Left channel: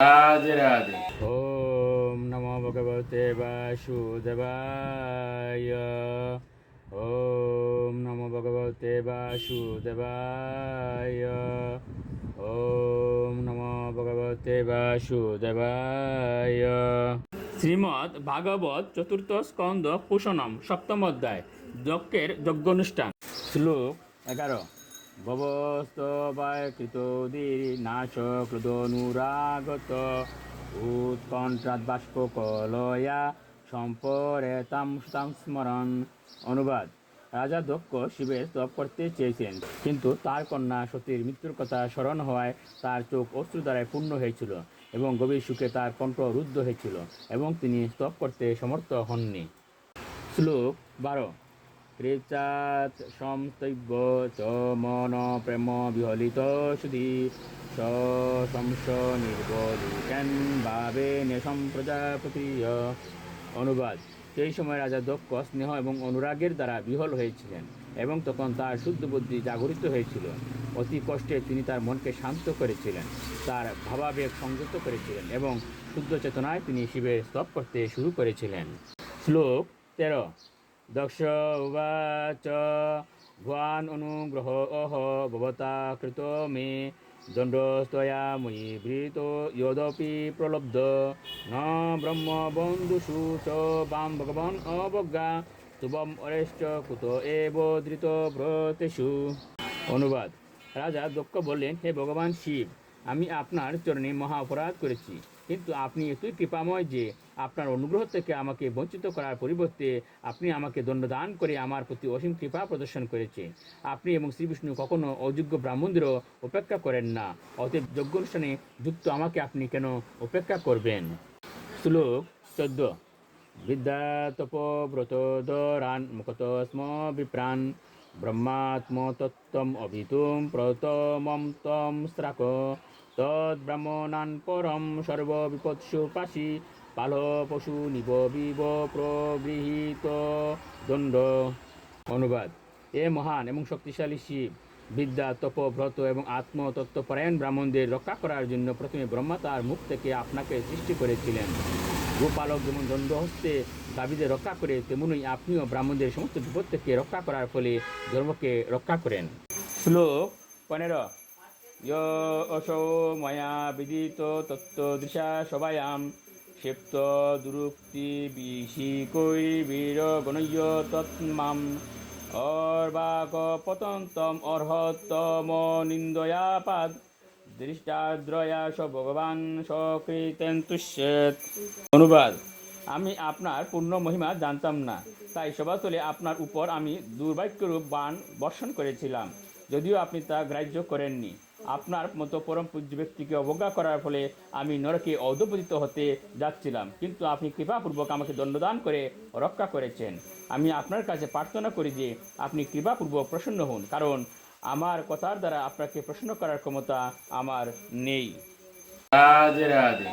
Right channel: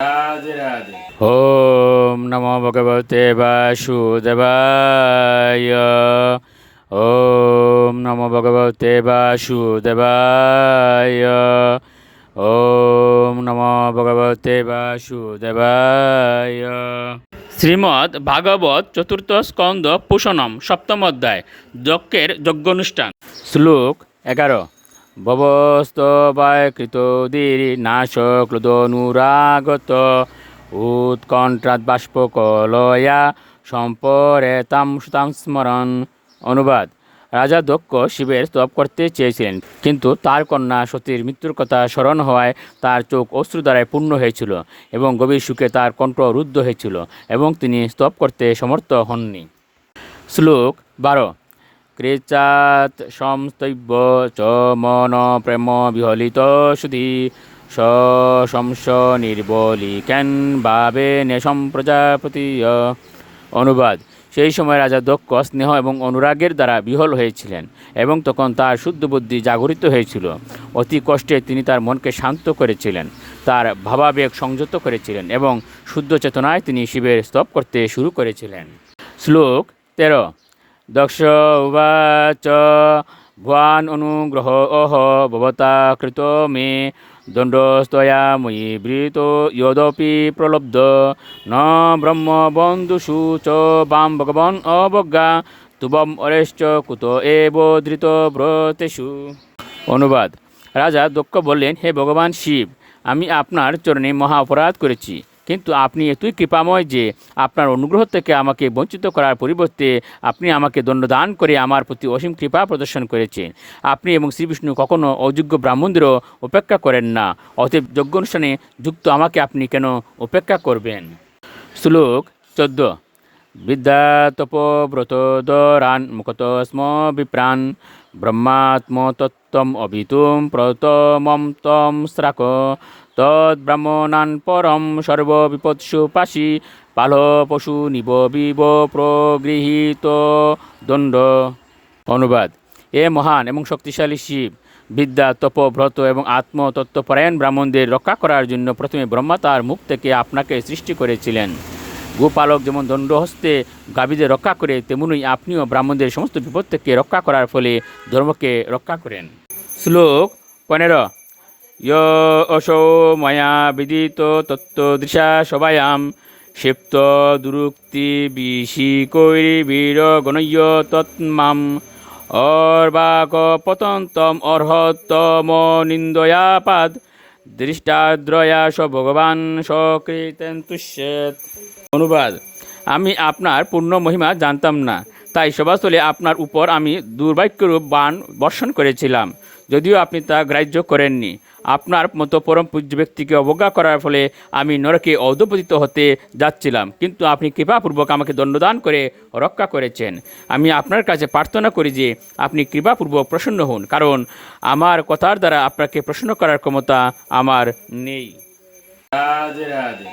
রাধে রাধে। ওম নমো ভগবতে বাসুদেবায়। ওম নমো ভগবতে বাসুদেবায়। ওম নমো ভগবতে বাসুদেবায়। শ্রীমদ্ ভাগবত চতুর্থ স্কন্দ পুষণম সপ্তম অধ্যায় যজ্ঞের যজ্ঞানুষ্ঠান। শ্লোক 11। ভবস্তবায় কৃতোদির নাশ ক্লুদনুরাগত উৎকণ্ঠাৎ বাষ্পকলয়া সম্পরেতাম সুতাং স্মরণ। অনুবাদ: রাজা দক্ষ শিবের স্তব করতে চেয়েছিলেন, কিন্তু তার কন্যা সতীর মৃত্যুর কথা স্মরণ হওয়ায় তার চোখ অশ্রু দ্বারায় পূর্ণ হয়েছিল এবং গভীর সুখে তার কণ্ঠ রুদ্ধ হয়েছিল এবং তিনি স্তব করতে সমর্থ হননি। শ্লোক 12। ক্রেচাৎ সংস্তৈব চ মন প্রেম বিহলিত সুধি শংস নির্বলিকেন ভাবে নেশম প্রজাপতি। অনুবাদ: সেই সময় রাজা দক্ষ স্নেহ এবং অনুরাগের দ্বারা বিহল হয়েছিলেন এবং তখন তার শুদ্ধ বুদ্ধি জাগরিত হয়েছিল। অতি কষ্টে তিনি তার মনকে শান্ত করেছিলেন, তার ভাবাবেগ সংযত করেছিলেন এবং শুদ্ধ চেতনায় তিনি শিবের স্তব করতে শুরু করেছিলেন। শ্লোক 13। দক্ষ উবাচ ভবান অনুগ্রহ ভবতা কৃত মে দণ্ডস্তয়া ময়ি বৃত যদপি প্রলব্ধ ন ব্রহ্ম বন্ধুষু চ বাম ভগবান অবজ্ঞা তুবম অরেশ্চ কুত এব ধৃত ব্রতেষু। অনুবাদ: রাজা দক্ষ বললেন, হে ভগবান শিব, আমি আপনার চরণে মহা অপরাধ করেছি, কিন্তু আপনি এতই কৃপাময় যে আপনার অনুগ্রহ থেকে আমাকে বঞ্চিত করার পরিবর্তে আপনি আমাকে দণ্ডদান করে আমার প্রতি অসীম কৃপা প্রদর্শন করেছেন। আপনি এবং শ্রীবিষ্ণু কখনও অযোগ্য ব্রাহ্মণদেরও উপেক্ষা করেন না, অতএব যজ্ঞ অনুষ্ঠানে যুক্ত আমাকে আপনি কেন উপেক্ষা করবেন? শ্লোক 14। বিদ্যা তপব্রতদরান মুখত স্ম বিপ্রাণ ব্রহ্মাত্মতত্ত্বম অভিতুম প্রতমম তম স্রাক তদ্ব্রাহ্মণান পরম সর্ববিপৎসু পাশি পাল পশু নিব বিব প্রগৃহীত দণ্ড। অনুবাদ: এ মহান এবং শক্তিশালী শিব, বিদ্যা, তপ, ব্রত এবং আত্মতত্ত্বপরায়ণ ব্রাহ্মণদের রক্ষা করার জন্য প্রথমে ব্রহ্মা তার মুখ থেকে আপনাকে সৃষ্টি করেছিলেন। গোপালক যেমন দণ্ডহস্তে গাভীদের রক্ষা করে, তেমনই আপনিও ব্রাহ্মণদের সমস্ত বিপদ থেকে রক্ষা করার ফলে ধর্মকে রক্ষা করেন। শ্লোক 15। অসৌ ময়া বিদিত তত্ত্বদৃশা সবায়াম ক্ষিপ্ত দুরুক্তি বিশিকৈরি বীর গণয়্য তৎমাম অর্বাক পতন্তম অর্হতম নিন্দয়াপাদ দৃষ্টাদ্রয়া স ভগবান সকৃতেন তুষ্যেত। অনুবাদ: আমি আপনার পূর্ণ মহিমা জানতাম না, তাই সভাস্থলে আপনার উপর আমি দুর্ভাগ্যরূপ বাণ বর্ষণ করেছিলাম, যদিও আপনি তা গ্রাহ্য করেননি। আপনার মতো পরম পূজ্য ব্যক্তিকে অবজ্ঞা করার ফলে আমি নরকে অধঃপতিত হতে যাচ্ছিলাম, কিন্তু আপনি কৃপাপূর্বক আমাকে দণ্ডদান করে রক্ষা করেছেন। আমি আপনার কাছে প্রার্থনা করি যে আপনি কৃপাপূর্বক প্রসন্ন হন, কারণ আমার কথার দ্বারা আপনাকে প্রসন্ন করার ক্ষমতা আমার নেই। রাধে রাধে।